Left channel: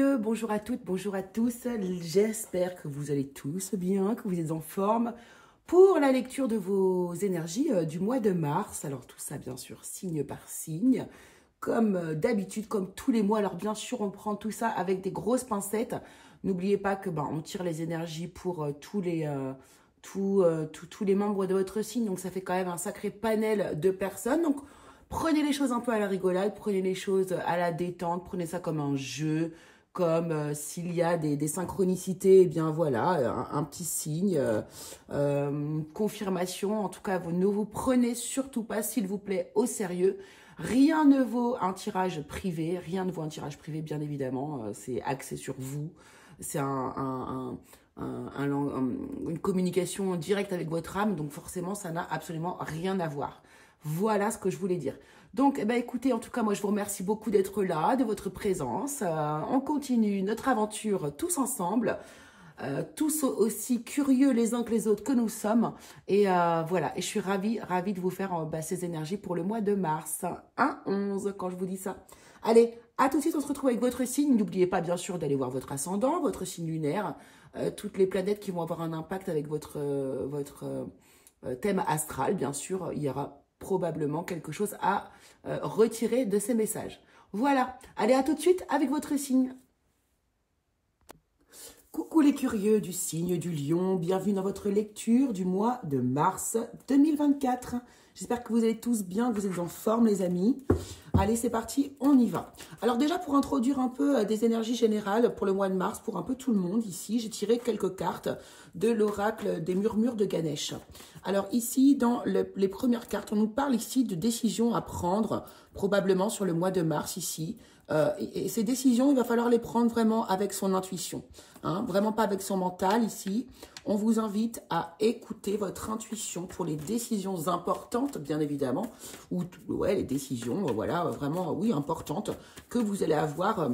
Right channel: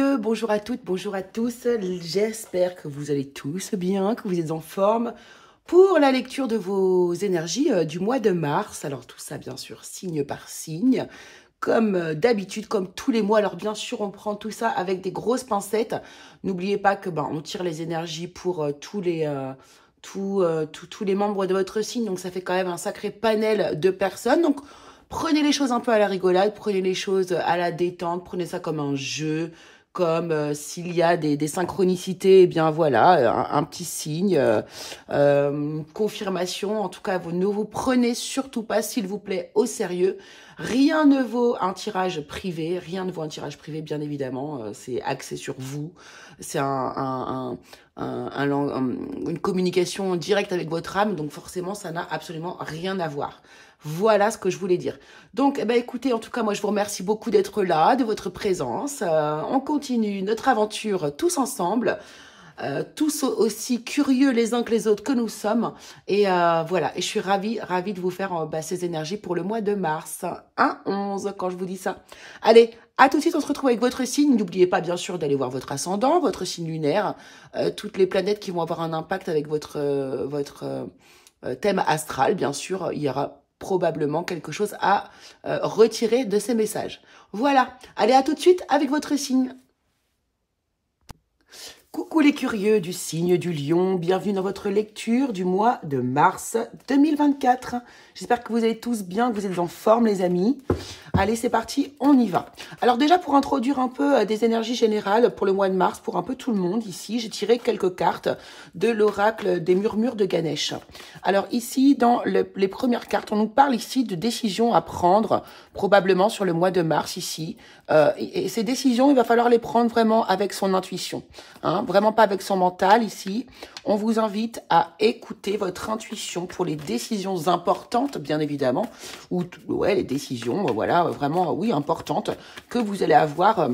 curieux, bonjour à toutes, bonjour à tous. J'espère que vous allez tous bien, que vous êtes en forme pour la lecture de vos énergies du mois de mars. Alors tout ça, bien sûr, signe par signe, comme d'habitude, comme tous les mois. Alors bien sûr, on prend tout ça avec des grosses pincettes. N'oubliez pas que on tire les énergies pour tous les membres de votre signe. Donc ça fait quand même un sacré panel de personnes. Donc prenez les choses un peu à la rigolade, prenez les choses à la détente, prenez ça comme un jeu, comme s'il y a des synchronicités, eh bien voilà, un petit signe, confirmation. En tout cas, vous ne vous prenez surtout pas, s'il vous plaît, au sérieux. Rien ne vaut un tirage privé, rien ne vaut un tirage privé, bien évidemment, c'est axé sur vous. C'est une communication directe avec votre âme, donc forcément, ça n'a absolument rien à voir. Voilà ce que je voulais dire. Donc, écoutez, en tout cas, moi, je vous remercie beaucoup d'être là, de votre présence. On continue notre aventure tous ensemble, tous aussi curieux les uns que les autres que nous sommes. Et voilà, et je suis ravie de vous faire ces énergies pour le mois de mars. 1-11, quand je vous dis ça. Allez, à tout de suite, on se retrouve avec votre signe. N'oubliez pas, bien sûr, d'aller voir votre ascendant, votre signe lunaire, toutes les planètes qui vont avoir un impact avec votre thème astral, bien sûr. Il y aura probablement quelque chose à retirer de ces messages. Voilà, allez, à tout de suite avec votre signe. Coucou les curieux du signe du lion, bienvenue dans votre lecture du mois de mars 2024. J'espère que vous allez tous bien, que vous êtes en forme les amis. Allez, c'est parti, on y va. Alors déjà, pour introduire un peu des énergies générales pour le mois de mars, pour un peu tout le monde ici, j'ai tiré quelques cartes de l'oracle des murmures de Ganesh. Alors ici, dans les premières cartes, on nous parle ici de décisions à prendre, probablement sur le mois de mars ici. Et ces décisions, il va falloir les prendre vraiment avec son intuition, hein, vraiment pas avec son mental ici. On vous invite à écouter votre intuition pour les décisions importantes, bien évidemment, ou les décisions, voilà, vraiment, oui, importantes que vous allez avoir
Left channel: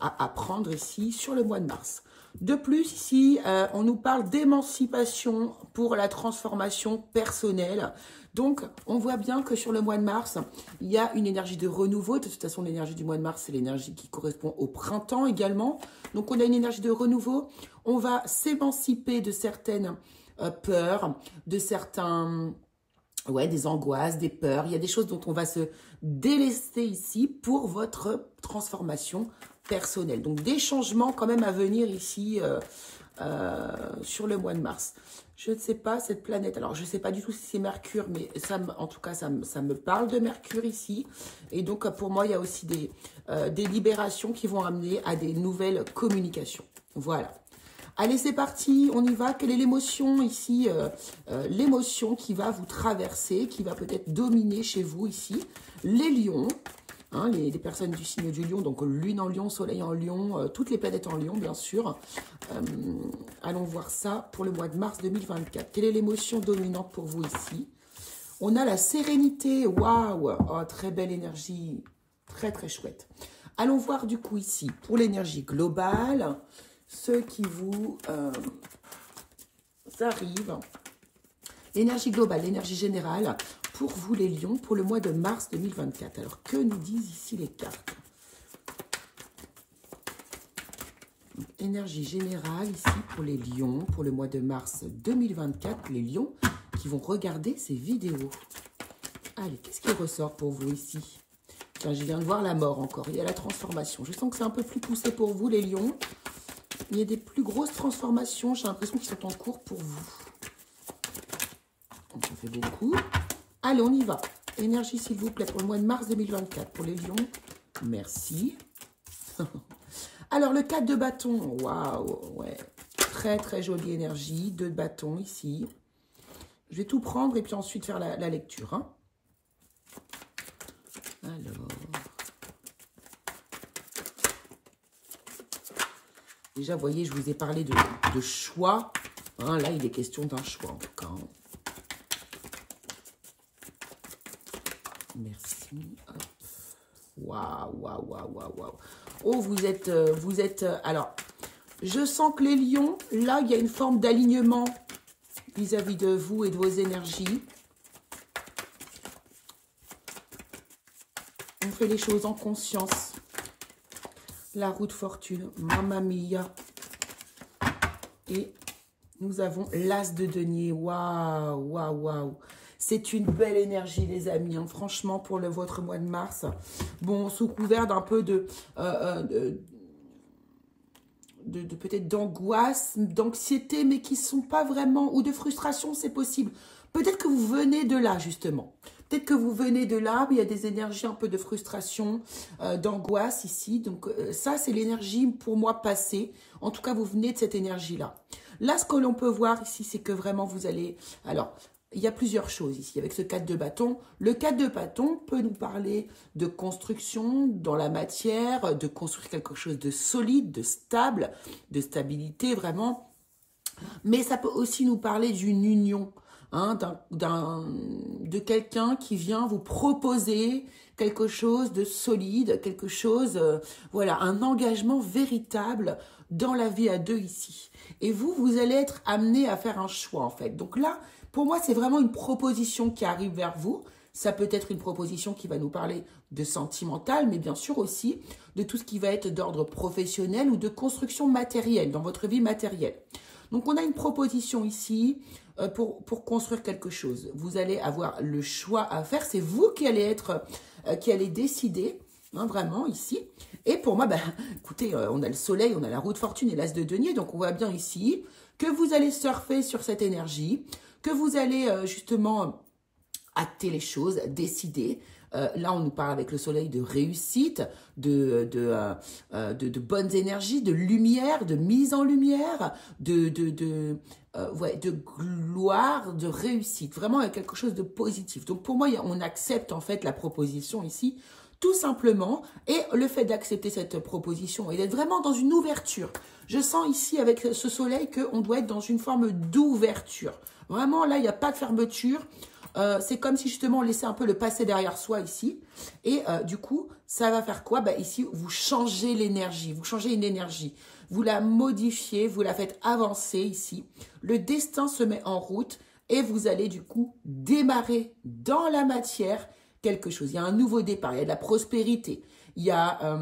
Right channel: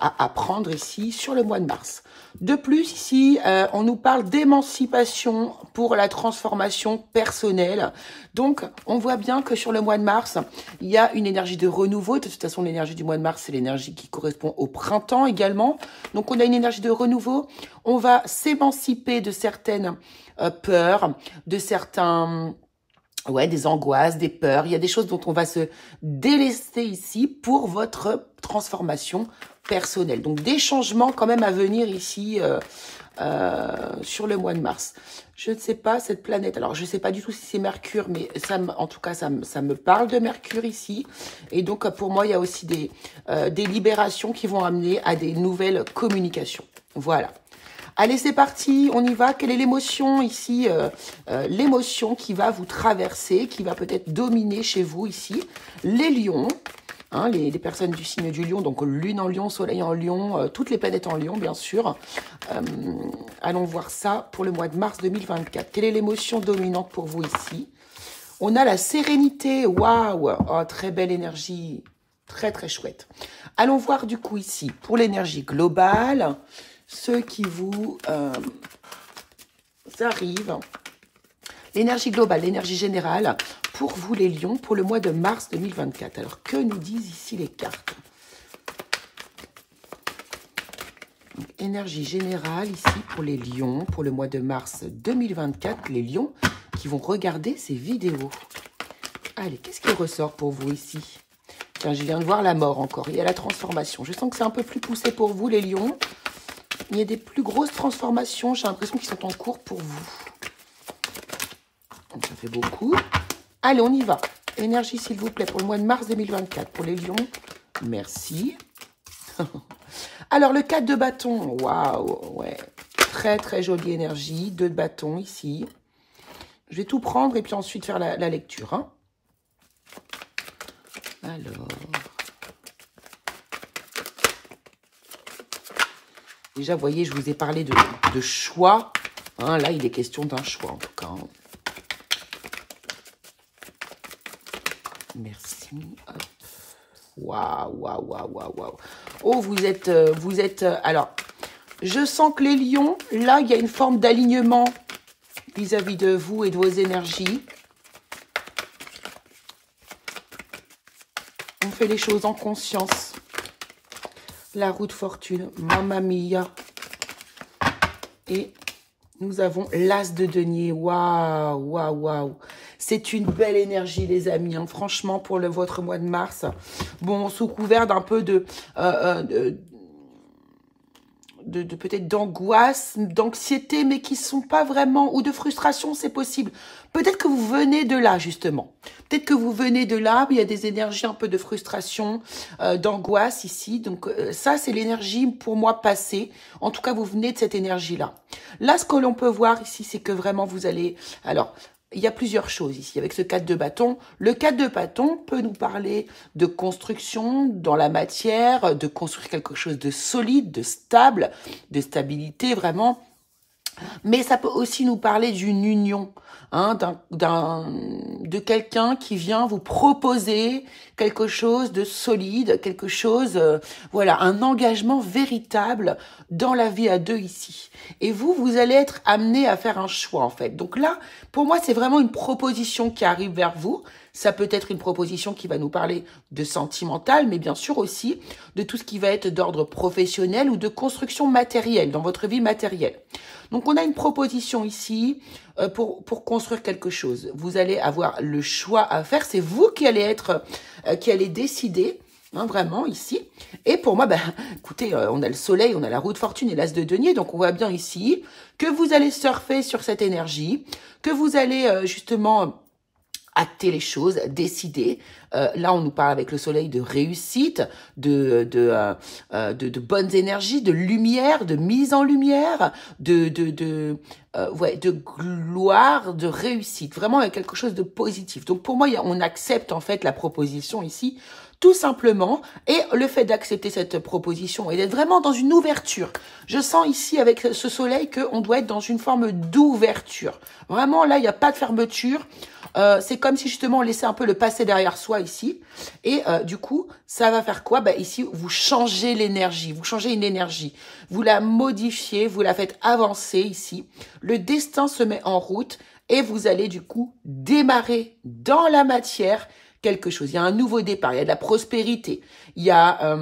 à prendre ici sur le mois de mars. De plus, ici, on nous parle d'émancipation pour la transformation personnelle. Donc, on voit bien que sur le mois de mars, il y a une énergie de renouveau. De toute façon, l'énergie du mois de mars, c'est l'énergie qui correspond au printemps également. Donc, on a une énergie de renouveau. On va s'émanciper de certaines peurs, de certains... des angoisses, des peurs. Il y a des choses dont on va se délester ici pour votre transformation personnelle. Donc, des changements quand même à venir ici sur le mois de mars. Je ne sais pas, cette planète, alors je ne sais pas du tout si c'est Mercure, mais en tout cas, ça me parle de Mercure ici. Et donc, pour moi, il y a aussi des libérations qui vont amener à des nouvelles communications. Voilà. Allez, c'est parti, on y va. Quelle est l'émotion ici l'émotion qui va vous traverser, qui va peut-être dominer chez vous ici. Les lions, hein, les personnes du signe du lion, donc lune en lion, soleil en lion, toutes les planètes en lion, bien sûr. Allons voir ça pour le mois de mars 2024. Quelle est l'émotion dominante pour vous ici? On a la sérénité, waouh, oh, très belle énergie, très très chouette. Allons voir du coup ici, pour l'énergie globale, ceux qui vous arrivent. L'énergie globale, l'énergie générale, pour vous les lions, pour le mois de mars 2024. Alors, que nous disent ici les cartes? Donc, énergie générale ici pour les lions, pour le mois de mars 2024. Les lions qui vont regarder ces vidéos. Allez, qu'est-ce qui ressort pour vous ici? Tiens, je viens de voir la mort encore. Il y a la transformation. Je sens que c'est un peu plus poussé pour vous, les lions. Il y a des plus grosses transformations. J'ai l'impression qu'ils sont en cours pour vous. Donc, ça fait beaucoup. Allez, on y va. Énergie, s'il vous plaît, pour le mois de mars 2024. Pour les lions, merci. Alors, le 4 de bâton. Waouh, ouais. Très, très jolie énergie. 2 de bâton ici. Je vais tout prendre et puis ensuite faire la lecture. Hein. Alors... Déjà, vous voyez, je vous ai parlé de choix. Hein, là, il est question d'un choix, en tout cas. Merci. Waouh, waouh, waouh, waouh, waouh. Oh, vous êtes... alors, je sens que les lions, là, il y a une forme d'alignement vis-à-vis de vous et de vos énergies. On fait les choses en conscience. La roue de fortune, Mamma Mia. Et nous avons l'as de denier. Waouh, waouh, waouh. C'est une belle énergie, les amis. Hein. Franchement, pour votre mois de mars. Bon, sous couvert d'un peu de peut-être d'angoisse, d'anxiété, mais qui ne sont pas vraiment, ou de frustration, c'est possible. Peut-être que vous venez de là, justement. Peut-être que vous venez de là, mais il y a des énergies un peu de frustration, d'angoisse ici. Donc ça, c'est l'énergie pour moi passée. En tout cas, vous venez de cette énergie-là. Là, ce que l'on peut voir ici, c'est que vraiment vous allez... Alors, il y a plusieurs choses ici avec ce 4 de bâton. Le 4 de bâton peut nous parler de construction dans la matière, de construire quelque chose de solide, de stable, de stabilité vraiment. Mais ça peut aussi nous parler d'une union, hein, de quelqu'un qui vient vous proposer quelque chose de solide, quelque chose, voilà, un engagement véritable dans la vie à deux ici. Et vous allez être amené à faire un choix en fait. Donc là, pour moi, c'est vraiment une proposition qui arrive vers vous. Ça peut être une proposition qui va nous parler de sentimental, mais bien sûr aussi de tout ce qui va être d'ordre professionnel ou de construction matérielle, dans votre vie matérielle. Donc, on a une proposition ici pour construire quelque chose. Vous allez avoir le choix à faire. C'est vous qui allez qui allez décider, hein, vraiment, ici. Et pour moi, écoutez, on a le soleil, on a la roue de fortune et l'as de denier. Donc, on voit bien ici que vous allez surfer sur cette énergie, que vous allez justement... acter les choses, décider. Là, on nous parle avec le soleil de réussite, de bonnes énergies, de lumière, de mise en lumière, de gloire, de réussite. Vraiment, il y a quelque chose de positif. Donc, pour moi, on accepte en fait la proposition ici, tout simplement. Et le fait d'accepter cette proposition et d'être vraiment dans une ouverture. Je sens ici, avec ce soleil, qu'on doit être dans une forme d'ouverture. Vraiment, là, il n'y a pas de fermeture. C'est comme si justement on laissait un peu le passé derrière soi ici. Et du coup, ça va faire quoi? Ici, vous changez l'énergie. Vous changez une énergie. Vous la modifiez, vous la faites avancer ici. Le destin se met en route et vous allez du coup démarrer dans la matière quelque chose. Il y a un nouveau départ, il y a de la prospérité. Il y a...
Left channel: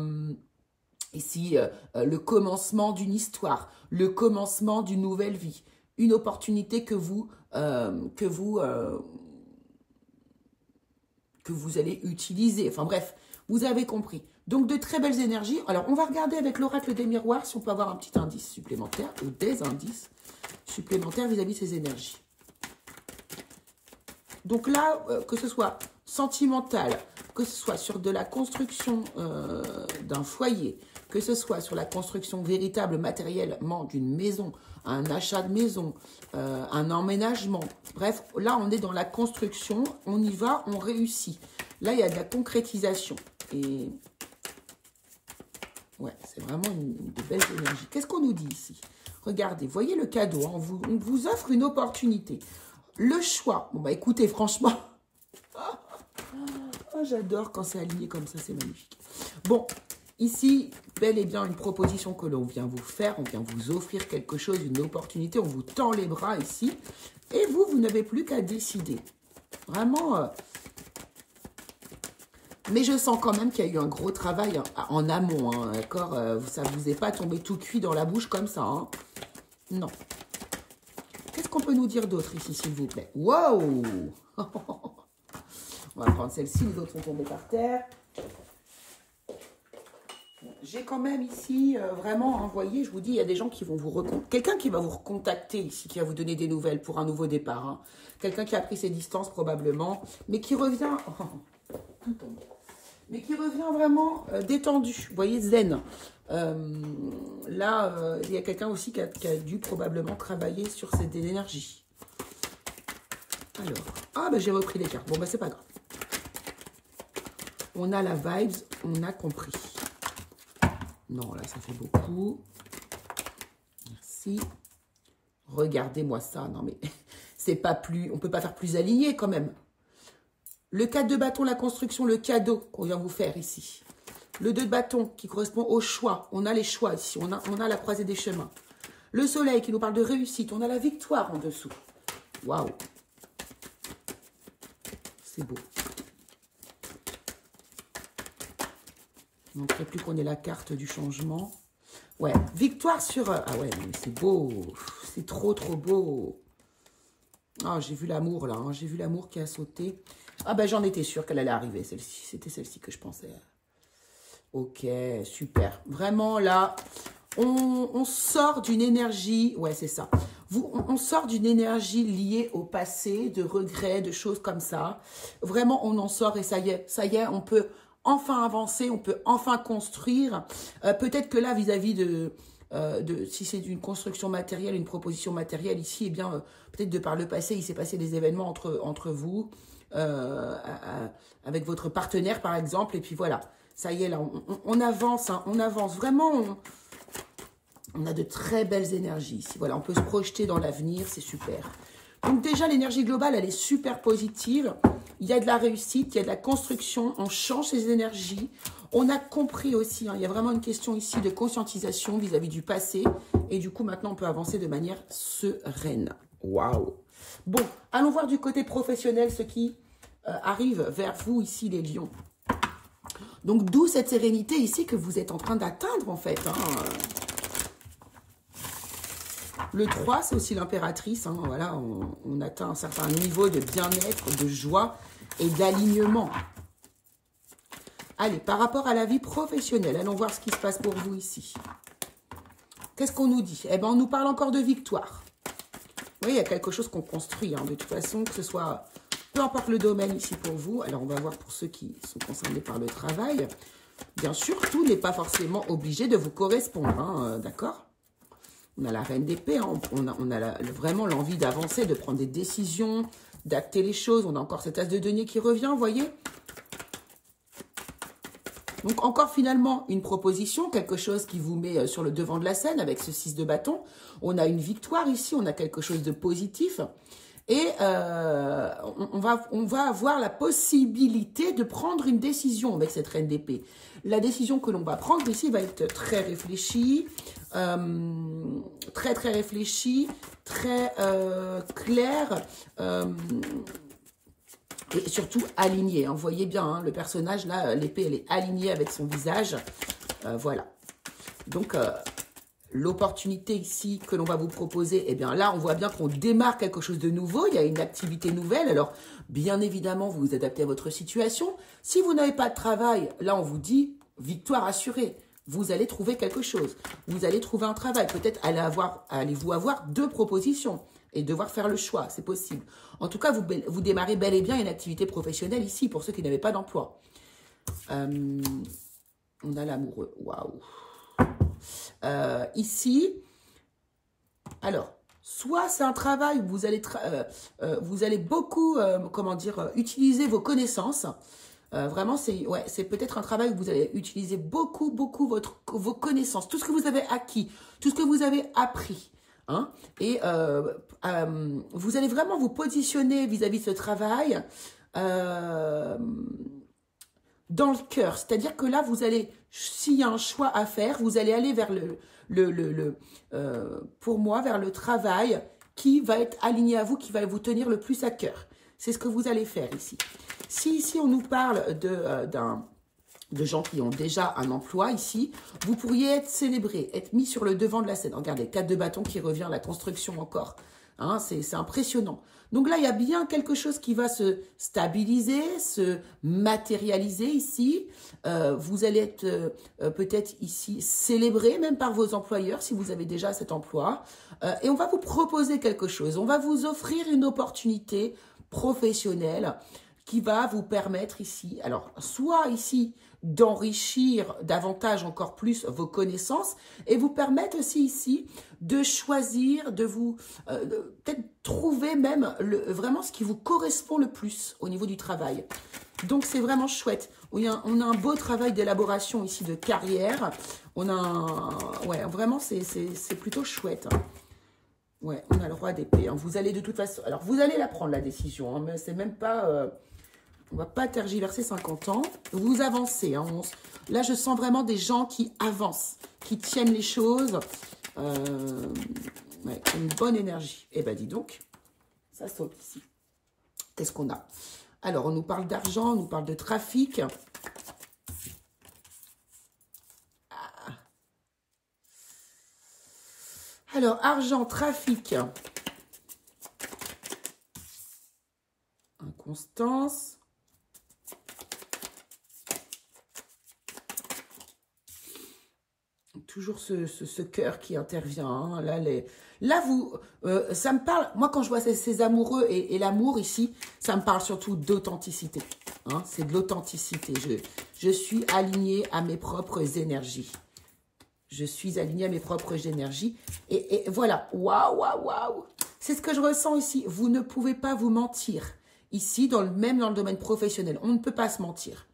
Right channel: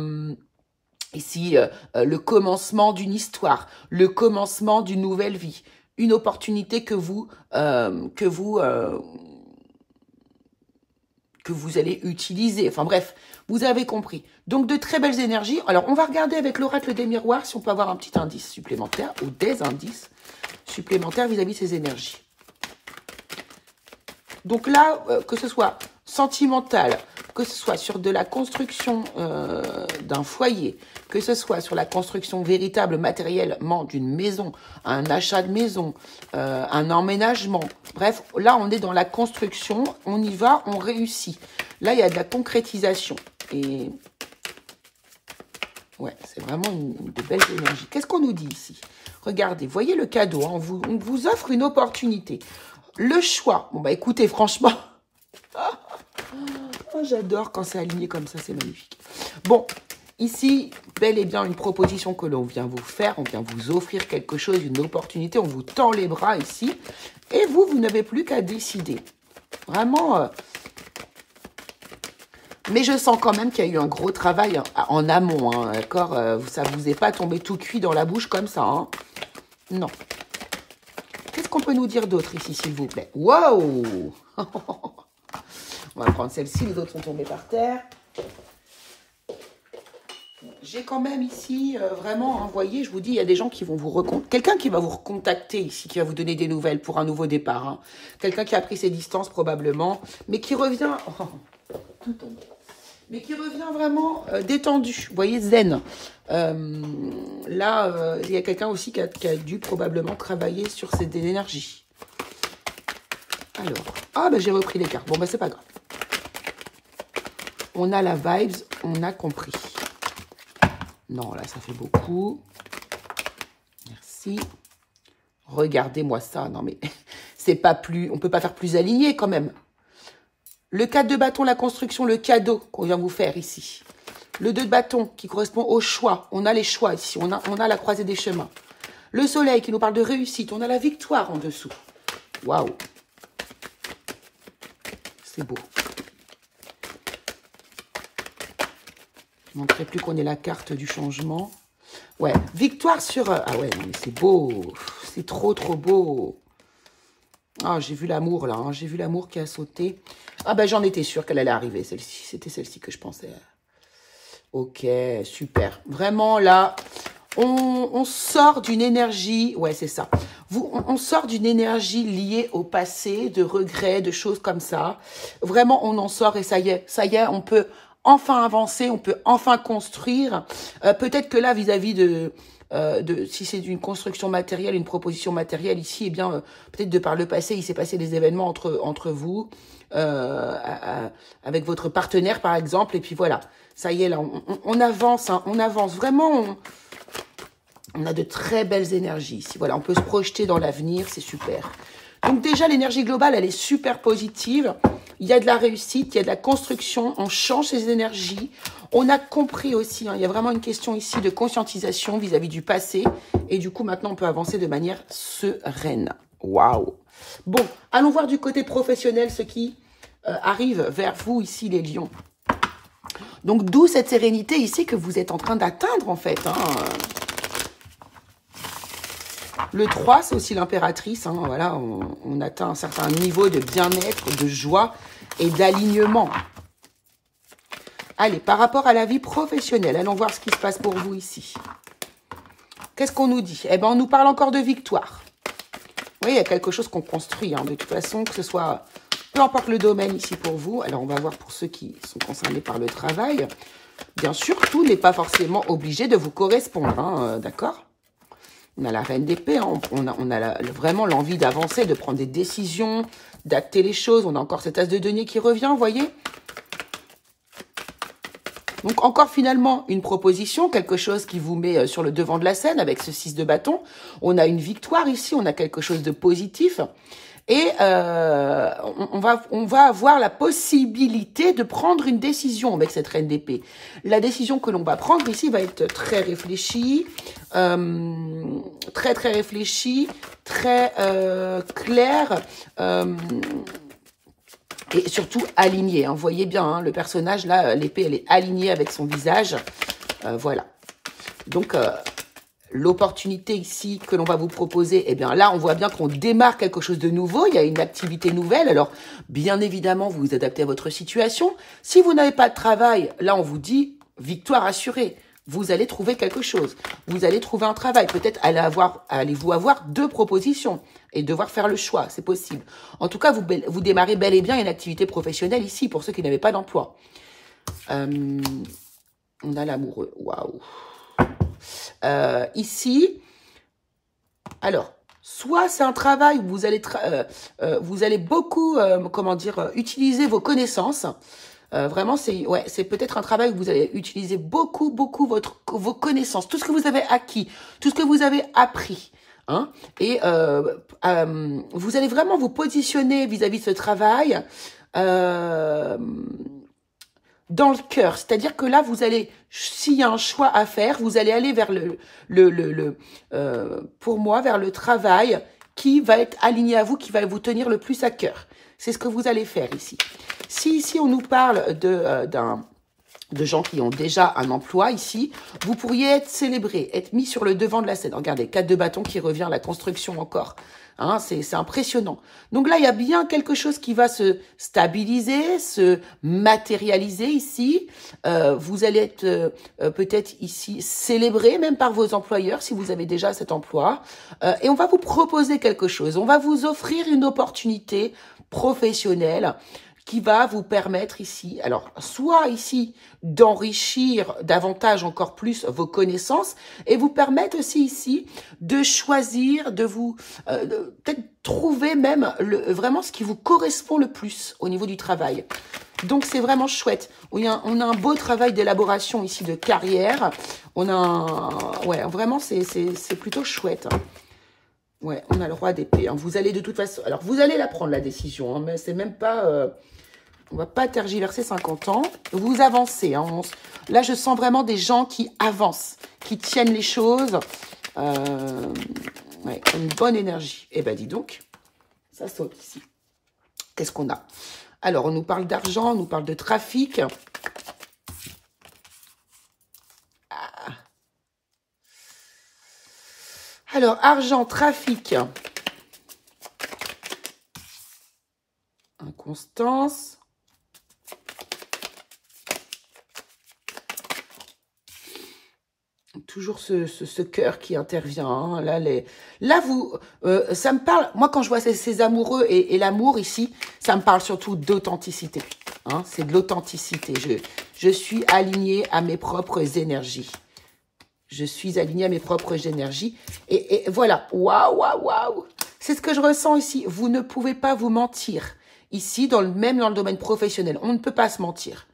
ici, le commencement d'une histoire, le commencement d'une nouvelle vie, une opportunité que vous allez utiliser. Enfin bref, vous avez compris. Donc de très belles énergies. Alors on va regarder avec l'oracle des miroirs si on peut avoir un petit indice supplémentaire ou des indices supplémentaires vis-à-vis de ces énergies. Donc là, que ce soit sentimental, que ce soit sur de la construction d'un foyer, que ce soit sur la construction véritable matériellement d'une maison, un achat de maison, un emménagement. Bref, là, on est dans la construction, on y va, on réussit. Là, il y a de la concrétisation. Et ouais, c'est vraiment de belles énergies. Qu'est-ce qu'on nous dit ici? Regardez, voyez le cadeau, hein, on vous offre une opportunité. Le choix. Bon, écoutez, franchement... j'adore quand c'est aligné comme ça, c'est magnifique. Bon, ici, bel et bien une proposition que l'on vient vous faire. On vient vous offrir quelque chose, une opportunité. On vous tend les bras ici. Et vous n'avez plus qu'à décider. Vraiment... Mais je sens quand même qu'il y a eu un gros travail en amont, hein, d'accord? Ça ne vous est pas tombé tout cuit dans la bouche comme ça, hein? Non. Qu'est-ce qu'on peut nous dire d'autre ici, s'il vous plaît? Wow! On va prendre celle-ci, les autres sont tombés par terre. J'ai quand même ici vraiment envoyé, je vous dis, il y a des gens qui vont vous recontacter. Quelqu'un qui va vous recontacter ici, qui va vous donner des nouvelles pour un nouveau départ. Hein. Quelqu'un qui a pris ses distances probablement, mais qui revient... Oh, tout tombe. Mais qui revient vraiment détendu, vous voyez, zen. Là, il y a quelqu'un aussi qui a dû probablement travailler sur cette énergie. Alors, j'ai repris les cartes. Bon, c'est pas grave. On a la vibes, on a compris. Non, là, ça fait beaucoup. Merci. Regardez-moi ça. Non, mais c'est pas plus... On peut pas faire plus aligné, quand même. Le 4 de bâton, la construction, le cadeau qu'on vient vous faire ici. Le 2 de bâton qui correspond au choix. On a les choix ici. On a la croisée des chemins. Le soleil qui nous parle de réussite. On a la victoire en dessous. Waouh. C'est beau. Je ne montrerai plus qu'on est la carte du changement. Ouais, victoire sur... Ah ouais, mais c'est beau. C'est trop, trop beau. Ah, j'ai vu l'amour, là. Hein. J'ai vu l'amour qui a sauté. Ah ben, j'en étais sûre qu'elle allait arriver, celle-ci. C'était celle-ci que je pensais. Ok, super. Vraiment, là, on sort d'une énergie... Ouais, c'est ça. On sort d'une énergie liée au passé, de regrets, de choses comme ça. Vraiment, on en sort et ça y est, on peut enfin avancer, on peut enfin construire. Peut-être que là, vis-à-vis si c'est une construction matérielle, une proposition matérielle ici, eh bien, peut-être de par le passé, il s'est passé des événements entre vous, avec votre partenaire, par exemple, et puis voilà. Ça y est, là, on avance, hein, on avance. Vraiment, on a de très belles énergies ici. Voilà, on peut se projeter dans l'avenir, c'est super. Donc déjà, l'énergie globale, elle est super positive. Il y a de la réussite, il y a de la construction, on change ses énergies. On a compris aussi, hein, il y a vraiment une question ici de conscientisation vis-à-vis du passé. Et du coup, maintenant, on peut avancer de manière sereine. Waouh! Bon, allons voir du côté professionnel ce qui arrive vers vous ici, les lions. Donc, d'où cette sérénité ici que vous êtes en train d'atteindre, en fait. Hein. Le 3, c'est aussi l'impératrice. Hein, voilà, on atteint un certain niveau de bien-être, de joie et d'alignement. Allez, par rapport à la vie professionnelle, allons voir ce qui se passe pour vous ici. Qu'est-ce qu'on nous dit? Eh bien, on nous parle encore de victoire. Oui, il y a quelque chose qu'on construit, hein, de toute façon, que ce soit... Peu importe le domaine ici pour vous. Alors, on va voir pour ceux qui sont concernés par le travail. Bien sûr, tout n'est pas forcément obligé de vous correspondre, hein, d'accord? On a la reine d'épée, hein, on a vraiment l'envie d'avancer, de prendre des décisions, d'acter les choses. On a encore cet as de denier qui revient, vous voyez? Donc, encore finalement, une proposition, quelque chose qui vous met sur le devant de la scène avec ce 6 de bâton. On a une victoire ici, on a quelque chose de positif. Et on va avoir la possibilité de prendre une décision avec cette reine d'épée. La décision que l'on va prendre ici va être très réfléchie, très réfléchie, très claire et surtout alignée. Hein. Vous voyez bien, hein, le personnage, là, l'épée, elle est alignée avec son visage. Voilà. Donc... l'opportunité ici que l'on va vous proposer, eh bien là, on voit bien qu'on démarre quelque chose de nouveau, il y a une activité nouvelle. Alors, bien évidemment, vous vous adaptez à votre situation. Si vous n'avez pas de travail, là, on vous dit victoire assurée. Vous allez trouver quelque chose. Vous allez trouver un travail. Peut-être allez-vous avoir 2 propositions et devoir faire le choix. C'est possible. En tout cas, vous démarrez bel et bien une activité professionnelle ici pour ceux qui n'avaient pas d'emploi. On a l'amoureux. Waouh! Ici, alors, soit c'est un travail où vous allez beaucoup, comment dire, utiliser vos connaissances. Vraiment, c'est peut-être un travail où vous allez utiliser beaucoup vos connaissances, tout ce que vous avez acquis, tout ce que vous avez appris. Hein, et vous allez vraiment vous positionner vis-à-vis de ce travail dans le cœur, c'est-à-dire que là, vous allez, s'il y a un choix à faire, vous allez aller vers pour moi, vers le travail qui va être aligné à vous, qui va vous tenir le plus à cœur. C'est ce que vous allez faire ici. Si ici, on nous parle de gens qui ont déjà un emploi ici, vous pourriez être célébré, être mis sur le devant de la scène. Regardez, 4 de bâton qui revient, la construction encore. Hein, c'est impressionnant. Donc là, il y a bien quelque chose qui va se stabiliser, se matérialiser ici. Vous allez être peut-être ici célébré même par vos employeurs si vous avez déjà cet emploi. Et on va vous proposer quelque chose. On va vous offrir une opportunité professionnelle qui va vous permettre ici, alors soit ici d'enrichir davantage encore plus vos connaissances et vous permettre aussi ici de choisir, de vous peut-être trouver même vraiment ce qui vous correspond le plus au niveau du travail. Donc c'est vraiment chouette. On a un beau travail d'élaboration ici de carrière. On a ouais, vraiment c'est plutôt chouette. Hein. Ouais, on a le roi d'épée. Hein. Vous allez de toute façon, alors vous allez la prendre la décision, hein, mais c'est même pas on va pas tergiverser 50 ans. Vous avancez. Hein. Là, je sens vraiment des gens qui avancent, qui tiennent les choses. Ouais, une bonne énergie. Eh ben, dis donc, ça saute ici. Qu'est-ce qu'on a? Alors, on nous parle d'argent, on nous parle de trafic. Alors, argent, trafic. Inconstance. Toujours ce cœur qui intervient. Hein. Là, ça me parle. Moi, quand je vois ces amoureux et l'amour ici, ça me parle surtout d'authenticité. Hein. C'est de l'authenticité. Je suis alignée à mes propres énergies. Je suis alignée à mes propres énergies. Et voilà. Waouh, waouh, waouh. C'est ce que je ressens ici. Vous ne pouvez pas vous mentir. Ici, même dans le domaine professionnel, on ne peut pas se mentir.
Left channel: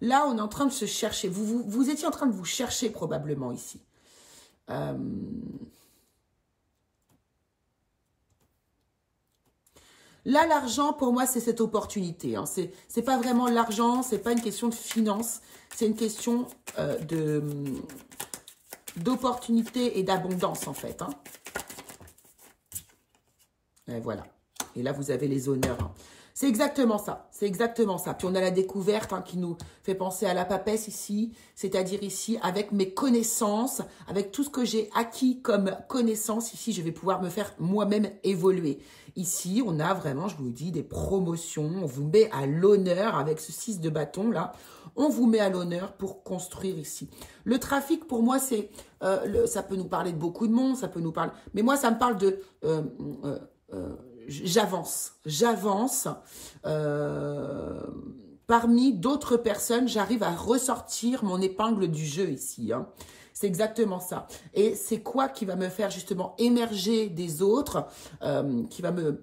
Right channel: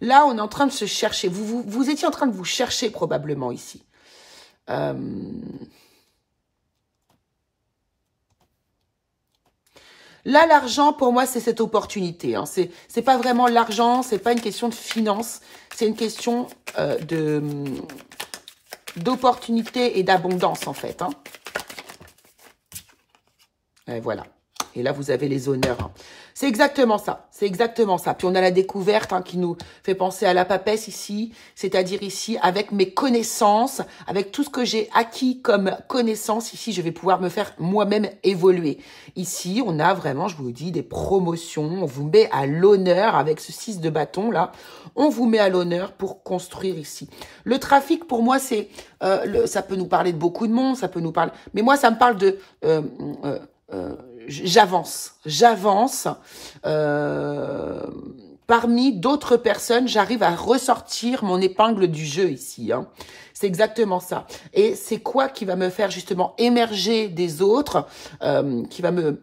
Là, on est en train de se chercher. Vous étiez en train de vous chercher probablement ici. Là, l'argent, pour moi, c'est cette opportunité. Hein. C'est pas vraiment l'argent, c'est pas une question de finance. C'est une question d'opportunité et d'abondance, en fait. Hein. Et voilà. Et là, vous avez les honneurs. Hein. C'est exactement ça. C'est exactement ça. Puis on a la découverte hein, qui nous fait penser à la papesse ici. C'est-à-dire ici, avec mes connaissances, avec tout ce que j'ai acquis comme connaissances, ici, je vais pouvoir me faire moi-même évoluer. Ici, on a vraiment, je vous le dis, des promotions. On vous met à l'honneur avec ce 6 de bâton, là. On vous met à l'honneur pour construire ici. Le trafic, pour moi, c'est... ça peut nous parler de beaucoup de monde, ça peut nous parler... Mais moi, ça me parle de... j'avance parmi d'autres personnes, j'arrive à ressortir mon épingle du jeu ici. Hein. C'est exactement ça. Et c'est quoi qui va me faire justement émerger des autres, qui va me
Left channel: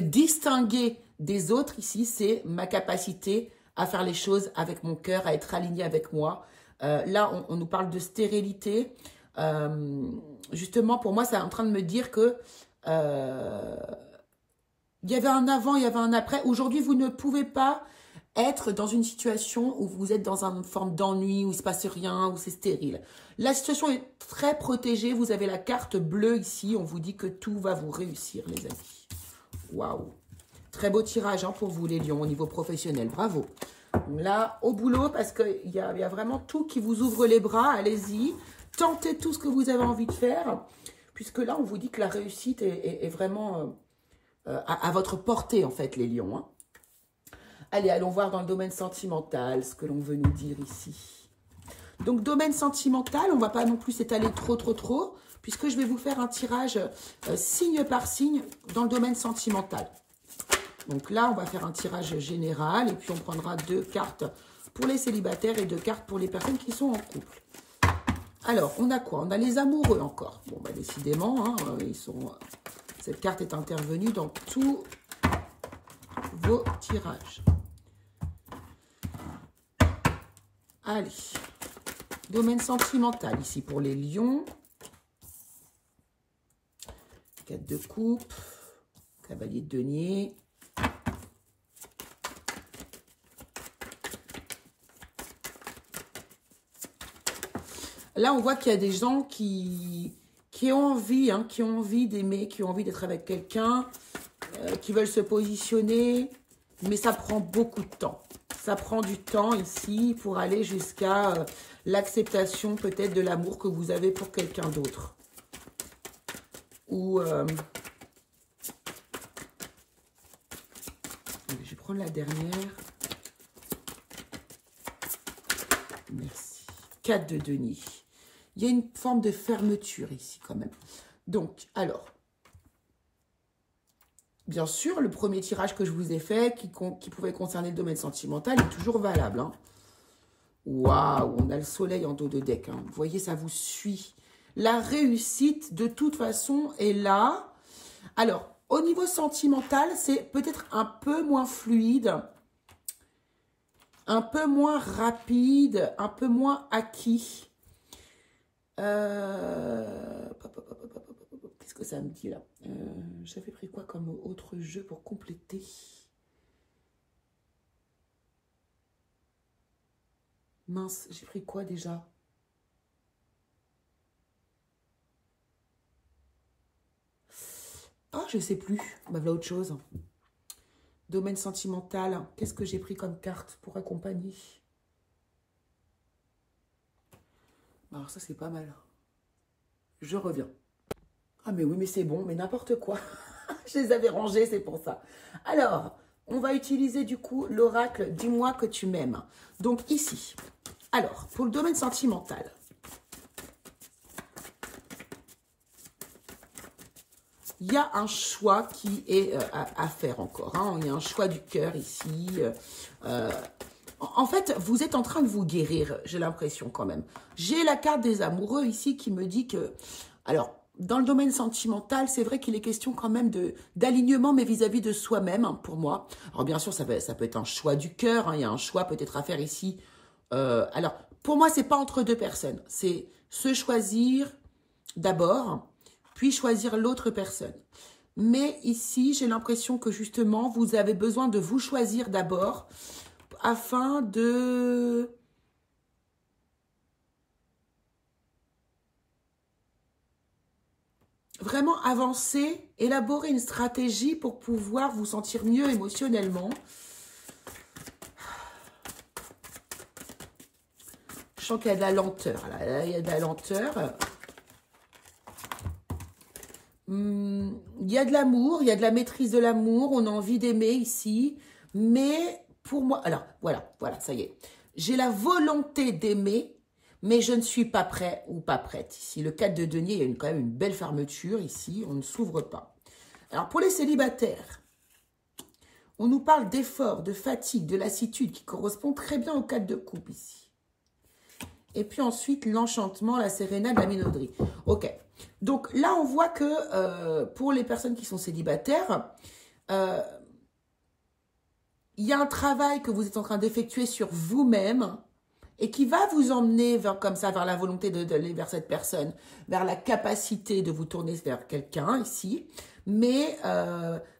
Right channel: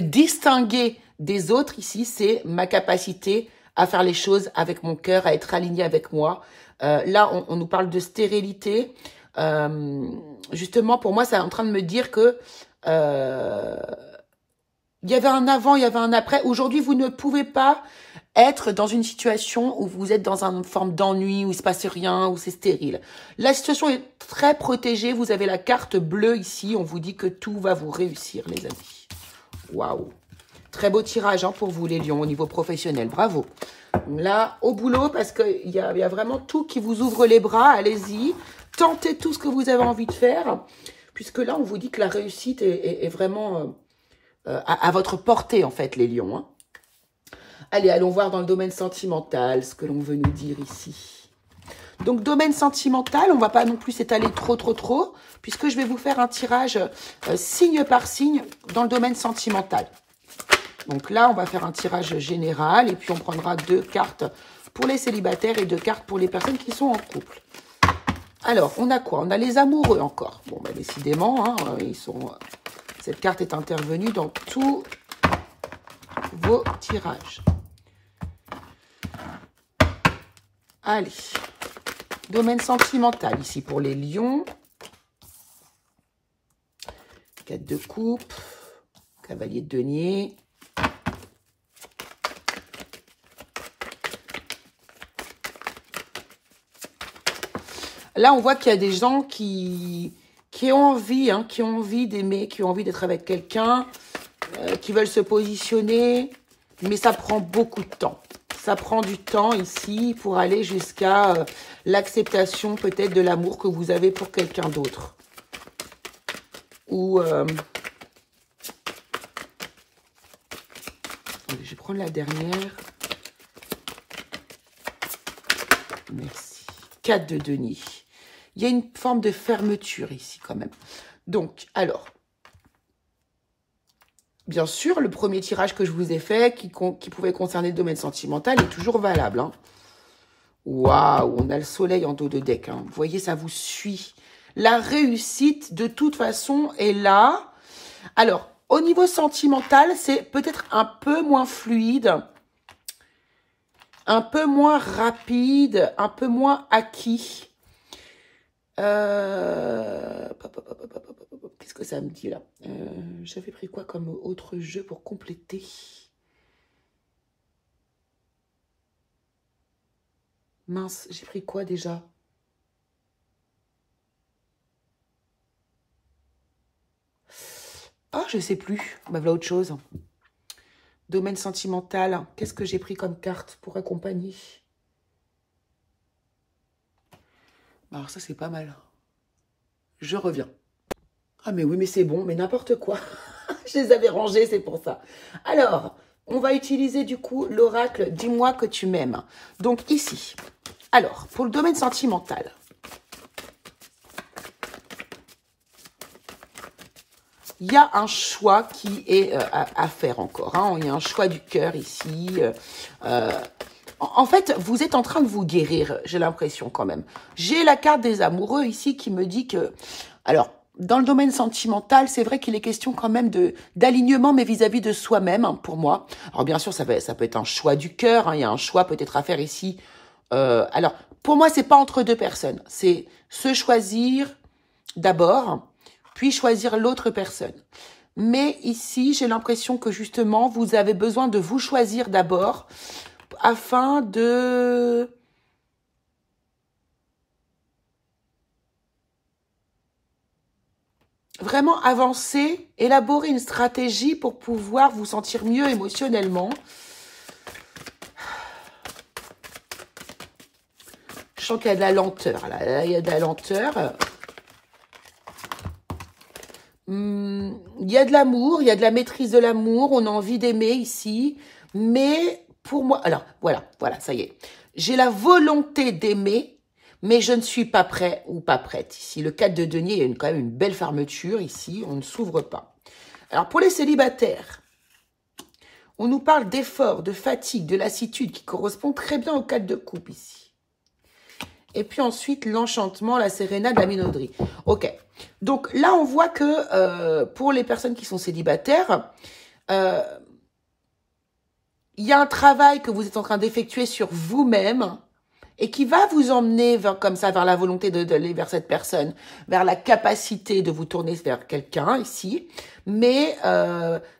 distinguer des autres ici, c'est ma capacité à faire les choses avec mon cœur, à être aligné avec moi. Là, on nous parle de stérilité. Justement, pour moi, c'est en train de me dire que il y avait un avant, il y avait un après. Aujourd'hui, vous ne pouvez pas être dans une situation où vous êtes dans une forme d'ennui, où il ne se passe rien, où c'est stérile. La situation est très protégée. Vous avez la carte bleue ici. On vous dit que tout va vous réussir, les amis. Waouh! Très beau tirage hein, pour vous, les lions, au niveau professionnel. Bravo! Là, au boulot, parce qu'il y a vraiment tout qui vous ouvre les bras. Allez-y. Tentez tout ce que vous avez envie de faire. Puisque là, on vous dit que la réussite est vraiment... à votre portée, en fait, les lions. Hein. Allez, allons voir dans le domaine sentimental ce que l'on veut nous dire ici. Donc, domaine sentimental, on ne va pas non plus s'étaler trop, puisque je vais vous faire un tirage signe par signe dans le domaine sentimental. Donc là, on va faire un tirage général, et puis on prendra 2 cartes pour les célibataires et 2 cartes pour les personnes qui sont en couple. Alors, on a quoi? On a les amoureux encore. Bon, bah, décidément, hein, cette carte est intervenue dans tous vos tirages. Allez, domaine sentimental ici pour les lions. 4 de coupe, cavalier de denier. Là, on voit qu'il y a des gens qui ont envie, hein, qui ont envie d'aimer, qui ont envie d'être avec quelqu'un, qui veulent se positionner, mais ça prend beaucoup de temps. Ça prend du temps ici pour aller jusqu'à l'acceptation peut-être de l'amour que vous avez pour quelqu'un d'autre. Ou... je vais prendre la dernière. Merci. 4 de denier. Il y a une forme de fermeture ici quand même. Donc, alors... Bien sûr, le premier tirage que je vous ai fait, qui pouvait concerner le domaine sentimental, est toujours valable. Hein. Waouh, on a le soleil en dos de deck. Hein. Vous voyez, ça vous suit. La réussite, de toute façon, est là. Alors, au niveau sentimental, c'est peut-être un peu moins fluide, un peu moins rapide, un peu moins acquis. Qu'est-ce que ça me dit là? J'avais pris quoi comme autre jeu pour compléter? Mince, j'ai pris quoi déjà? Ah, je sais plus. Bah voilà autre chose. Domaine sentimental. Qu'est-ce que j'ai pris comme carte pour accompagner? Alors ça, c'est pas mal. Je reviens. Ah mais oui, mais c'est bon, mais n'importe quoi. Je les avais rangés, c'est pour ça. Alors, on va utiliser du coup l'oracle « Dis-moi que tu m'aimes ». Donc ici, alors, pour le domaine sentimental, il y a un choix qui est à faire encore. Hein. Il y a un choix du cœur ici. En fait, vous êtes en train de vous guérir, j'ai l'impression quand même. J'ai la carte des amoureux ici qui me dit que... Alors, dans le domaine sentimental, c'est vrai qu'il est question quand même d'alignement, mais vis-à-vis de soi-même, hein, pour moi. Alors, bien sûr, ça peut être un choix du cœur. Hein, il y a un choix peut-être à faire ici. Alors, pour moi, c'est pas entre deux personnes. C'est se choisir d'abord, puis choisir l'autre personne. Mais ici, j'ai l'impression que justement, vous avez besoin de vous choisir d'abord afin de... vraiment avancer, élaborer une stratégie pour pouvoir vous sentir mieux émotionnellement. Je sens qu'il y a de la lenteur, là, il y a de la lenteur. Il y a de l'amour, il y a de la maîtrise de l'amour, on a envie d'aimer ici, mais pour moi, alors voilà, ça y est. J'ai la volonté d'aimer, mais je ne suis pas prêt ou pas prête ici. Le 4 de denier, il y a quand même une belle fermeture ici, on ne s'ouvre pas. Alors pour les célibataires, on nous parle d'effort, de fatigue, de lassitude qui correspond très bien au 4 de coupe ici. Et puis ensuite, l'enchantement, la sérénade, la minauderie. Ok. Donc là, on voit que pour les personnes qui sont célibataires, il y a un travail que vous êtes en train d'effectuer sur vous-même et qui va vous emmener comme ça vers la volonté d'aller vers cette personne, vers la capacité de vous tourner vers quelqu'un ici. Mais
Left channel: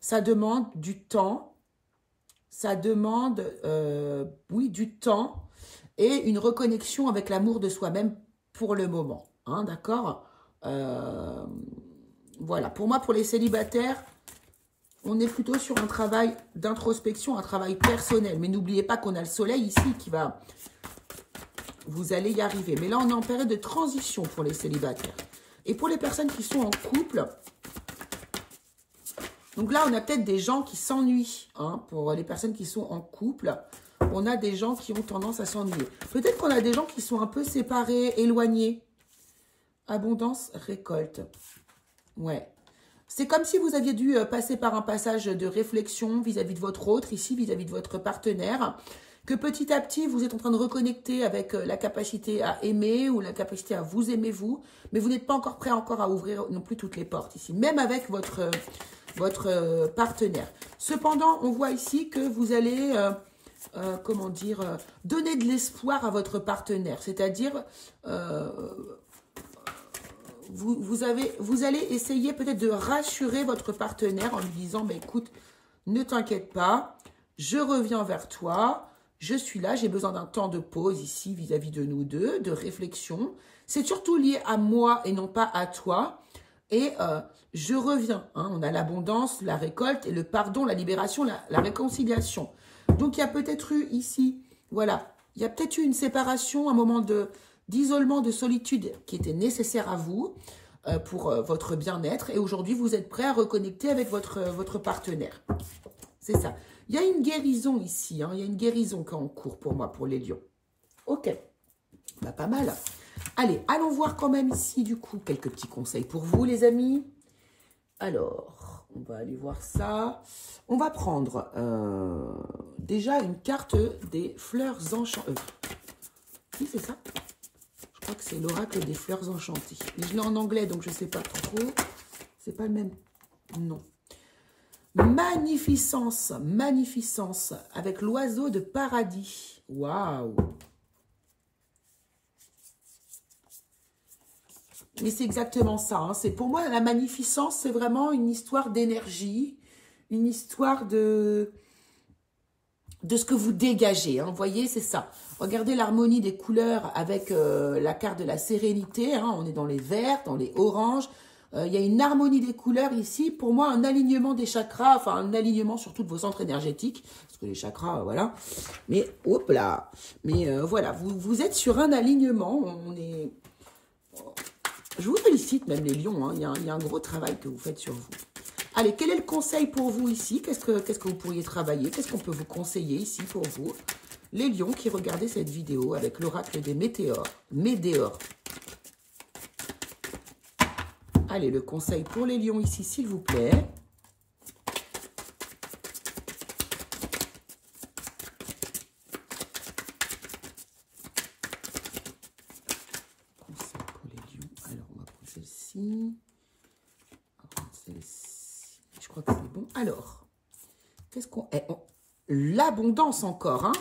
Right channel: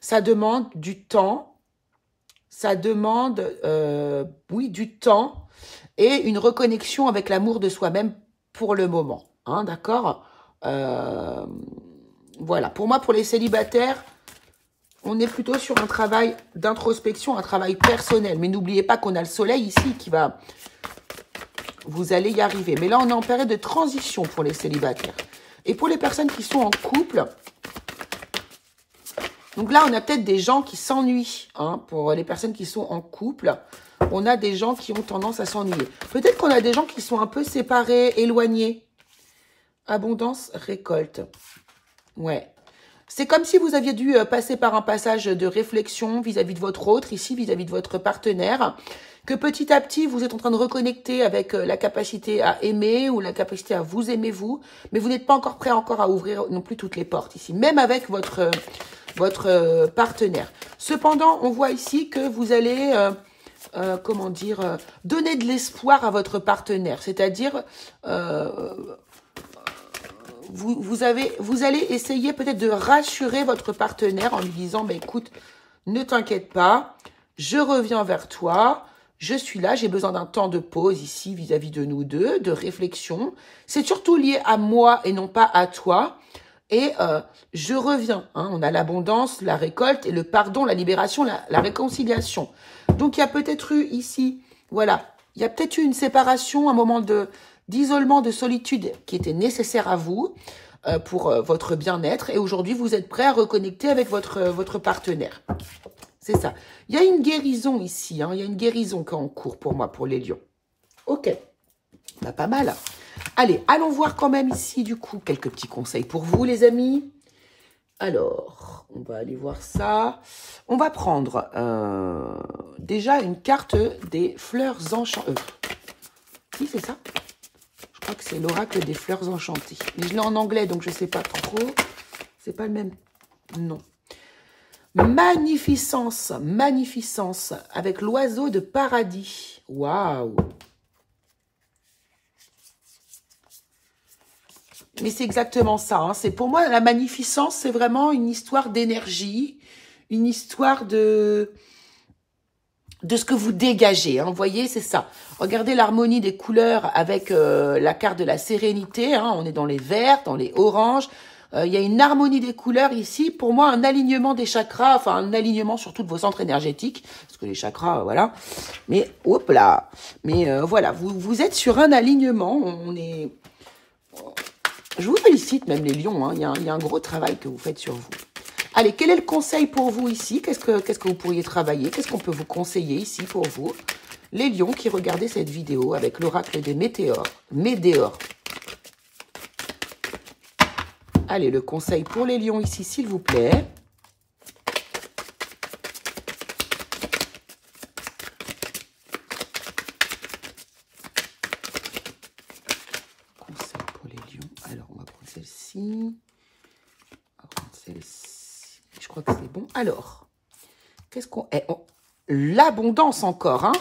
ça demande du temps. Ça demande, oui, du temps et une reconnexion avec l'amour de soi-même pour le moment. Hein, d'accord ? Voilà. Pour moi, pour les célibataires, on est plutôt sur un travail d'introspection, un travail personnel. Mais n'oubliez pas qu'on a le soleil ici qui va... Vous allez y arriver. Mais là, on est en période de transition pour les célibataires. Et pour les personnes qui sont en couple... Donc là, on a peut-être des gens qui s'ennuient. Hein, pour les personnes qui sont en couple, on a des gens qui ont tendance à s'ennuyer. Peut-être qu'on a des gens qui sont un peu séparés, éloignés. Abondance, récolte. Ouais. C'est comme si vous aviez dû passer par un passage de réflexion vis-à-vis de votre autre, ici, vis-à-vis de votre partenaire, que petit à petit, vous êtes en train de reconnecter avec la capacité à aimer ou la capacité à vous aimer vous, mais vous n'êtes pas encore prêt encore à ouvrir non plus toutes les portes ici, même avec votre partenaire. Cependant, on voit ici que vous allez, comment dire, donner de l'espoir à votre partenaire, c'est-à-dire... Vous allez essayer peut-être de rassurer votre partenaire en lui disant, bah, écoute, ne t'inquiète pas, je reviens vers toi, je suis là, j'ai besoin d'un temps de pause ici vis-à-vis de nous deux, de réflexion. C'est surtout lié à moi et non pas à toi. Et je reviens. Hein, on a l'abondance, la récolte et le pardon, la libération, la réconciliation. Donc, il y a peut-être eu ici, voilà, il y a peut-être eu une séparation, un moment d'isolement, de solitude qui était nécessaire à vous pour votre bien-être. Et aujourd'hui, vous êtes prêt à reconnecter avec votre partenaire. C'est ça. Il y a une guérison ici. Hein, il y a une guérison qui est en cours pour moi, pour les lions. Ok. Bah, pas mal. Allez, allons voir quand même ici, du coup, quelques petits conseils pour vous, les amis. Alors, on va aller voir ça. On va prendre déjà une carte des fleurs enchantées. Oui, c'est ça. Je crois que c'est l'oracle des fleurs enchantées. Mais je l'ai en anglais, donc je ne sais pas trop. C'est pas le même. Non. Magnificence, magnificence, avec l'oiseau de paradis. Waouh! Mais c'est exactement ça. Hein. C'est pour moi, la magnificence, c'est vraiment une histoire d'énergie, une histoire de ce que vous dégagez. Hein. Vous voyez, c'est ça. Regardez l'harmonie des couleurs avec la carte de la sérénité. Hein. On est dans les verts, dans les oranges. Il y a une harmonie des couleurs ici. Pour moi, un alignement des chakras, enfin un alignement surtout de vos centres énergétiques. Parce que les chakras, voilà. Mais, hop là. Mais voilà, vous êtes sur un alignement. On est... je vous félicite même les lions, hein. Il y a un gros travail que vous faites sur vous. Allez, quel est le conseil pour vous ici? Qu'est-ce que vous pourriez travailler? Qu'est-ce qu'on peut vous conseiller ici pour vous? Les lions qui regardaient cette vidéo avec l'oracle des météores. Allez, le conseil pour les lions ici, s'il vous plaît. Conseil pour les lions. Alors, on va prendre celle-ci. On va prendre celle-ci. Je crois que c'est bon. Alors, qu'est-ce qu'on... l'abondance encore, hein.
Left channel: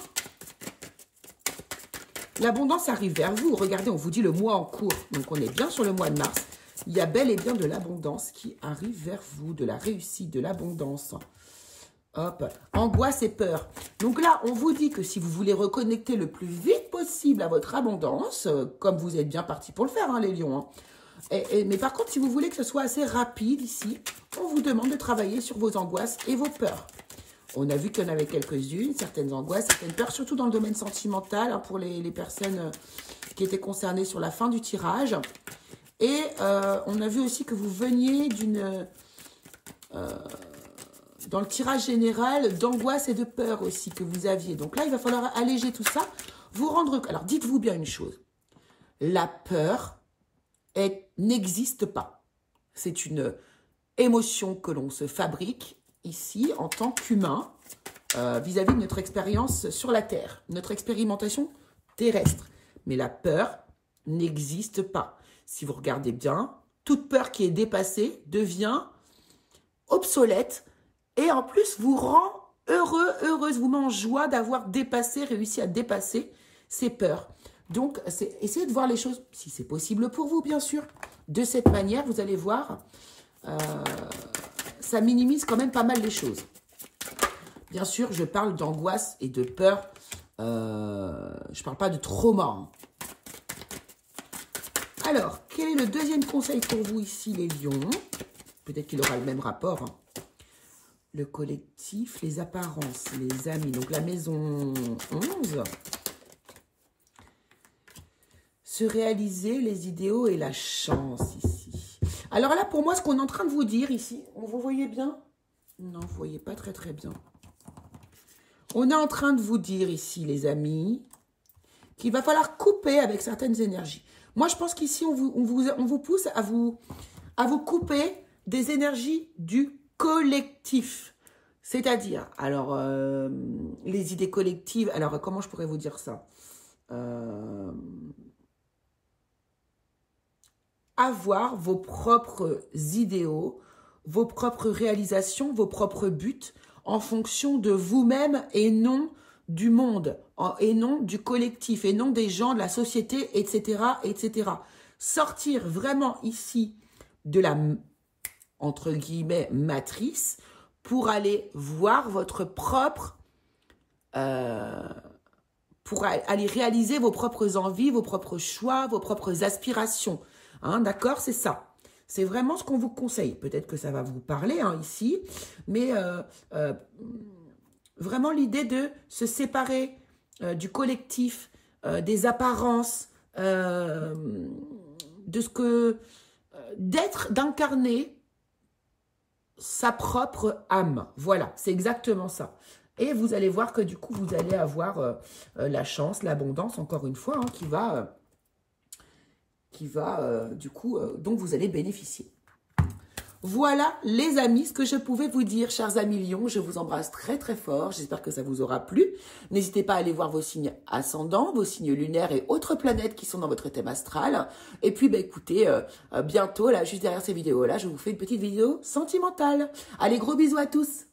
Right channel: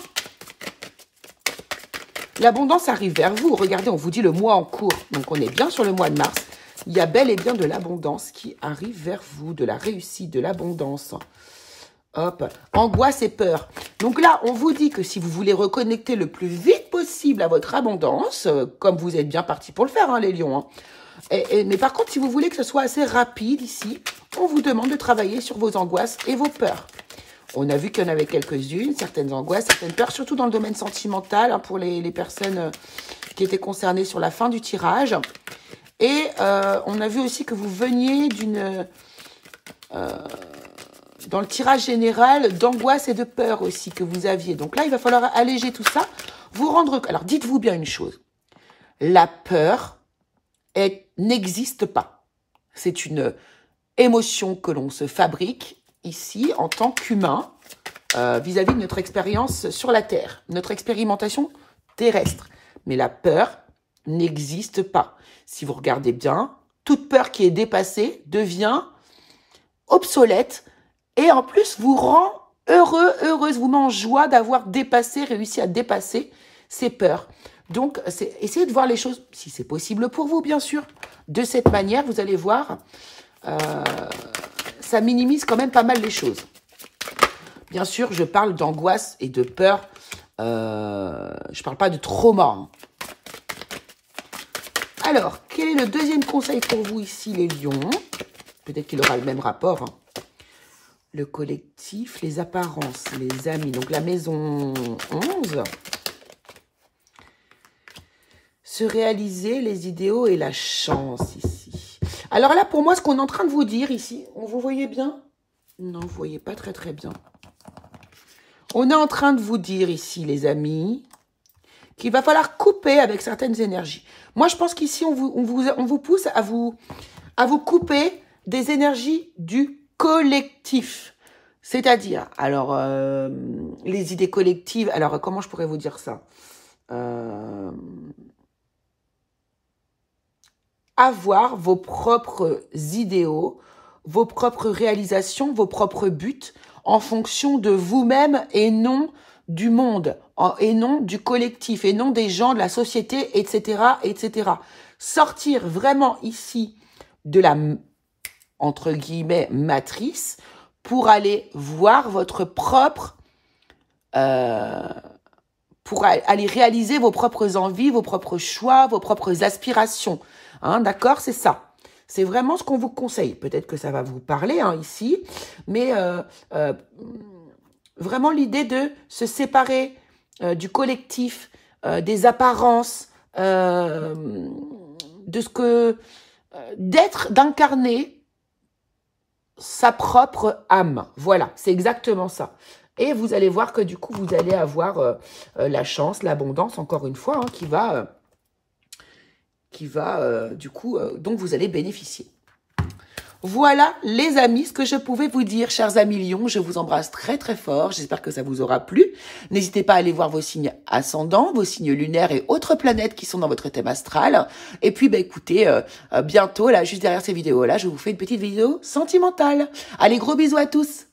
L'abondance arrive vers vous. Regardez, on vous dit le mois en cours. Donc, on est bien sur le mois de mars. Il y a bel et bien de l'abondance qui arrive vers vous, de la réussite, de l'abondance. Hop, angoisse et peur. Donc là, on vous dit que si vous voulez reconnecter le plus vite possible à votre abondance, comme vous êtes bien parti pour le faire, hein, les lions. Hein. Mais par contre, si vous voulez que ce soit assez rapide ici, on vous demande de travailler sur vos angoisses et vos peurs. On a vu qu'il y en avait quelques-unes, certaines angoisses, certaines peurs, surtout dans le domaine sentimental, hein, pour les personnes qui étaient concernées sur la fin du tirage. Et on a vu aussi que vous veniez d'une... dans le tirage général, d'angoisse et de peur aussi que vous aviez. Donc là, il va falloir alléger tout ça, vous rendre... Alors, dites-vous bien une chose. La peur n'existe pas. C'est une émotion que l'on se fabrique ici en tant qu'humain vis-à-vis de notre expérience sur la Terre, notre expérimentation terrestre. Mais la peur n'existe pas. Si vous regardez bien, toute peur qui est dépassée devient obsolète et en plus vous rend heureux, heureuse, vous met en joie d'avoir dépassé, réussi à dépasser ces peurs. Donc, essayez de voir les choses, si c'est possible pour vous, bien sûr. De cette manière, vous allez voir, ça minimise quand même pas mal les choses. Bien sûr, je parle d'angoisse et de peur. Je ne parle pas de trauma. Hein. Alors, quel est le deuxième conseil pour vous ici, les lions? Peut-être qu'il aura le même rapport. Hein. Le collectif, les apparences, les amis. Donc, la maison 11. Se réaliser les idéaux et la chance ici. Alors là, pour moi, ce qu'on est en train de vous dire ici, vous voyez bien? Non, vous ne voyez pas très très bien. On est en train de vous dire ici, les amis, qu'il va falloir couper avec certaines énergies. Moi, je pense qu'ici, on vous pousse à vous couper des énergies du collectif. C'est-à-dire, alors, les idées collectives, alors, comment je pourrais vous dire ça? Avoir vos propres idéaux, vos propres réalisations, vos propres buts en fonction de vous-même et non du monde, et non du collectif, et non des gens, de la société, etc., etc. Sortir vraiment ici de la, entre guillemets, matrice pour aller voir votre propre... pour aller réaliser vos propres envies, vos propres choix, vos propres aspirations. Hein, d'accord, c'est ça. C'est vraiment ce qu'on vous conseille. Peut-être que ça va vous parler hein, ici, mais vraiment l'idée de se séparer du collectif, des apparences, de ce que... d'incarner sa propre âme. Voilà, c'est exactement ça. Et vous allez voir que du coup, vous allez avoir la chance, l'abondance, encore une fois, hein, qui va du coup, dont vous allez bénéficier. Voilà, les amis, ce que je pouvais vous dire, chers amis lions. Je vous embrasse très, très fort. J'espère que ça vous aura plu. N'hésitez pas à aller voir vos signes ascendants, vos signes lunaires et autres planètes qui sont dans votre thème astral. Et puis, bah, écoutez, bientôt, là, juste derrière ces vidéos-là, je vous fais une petite vidéo sentimentale. Allez, gros bisous à tous.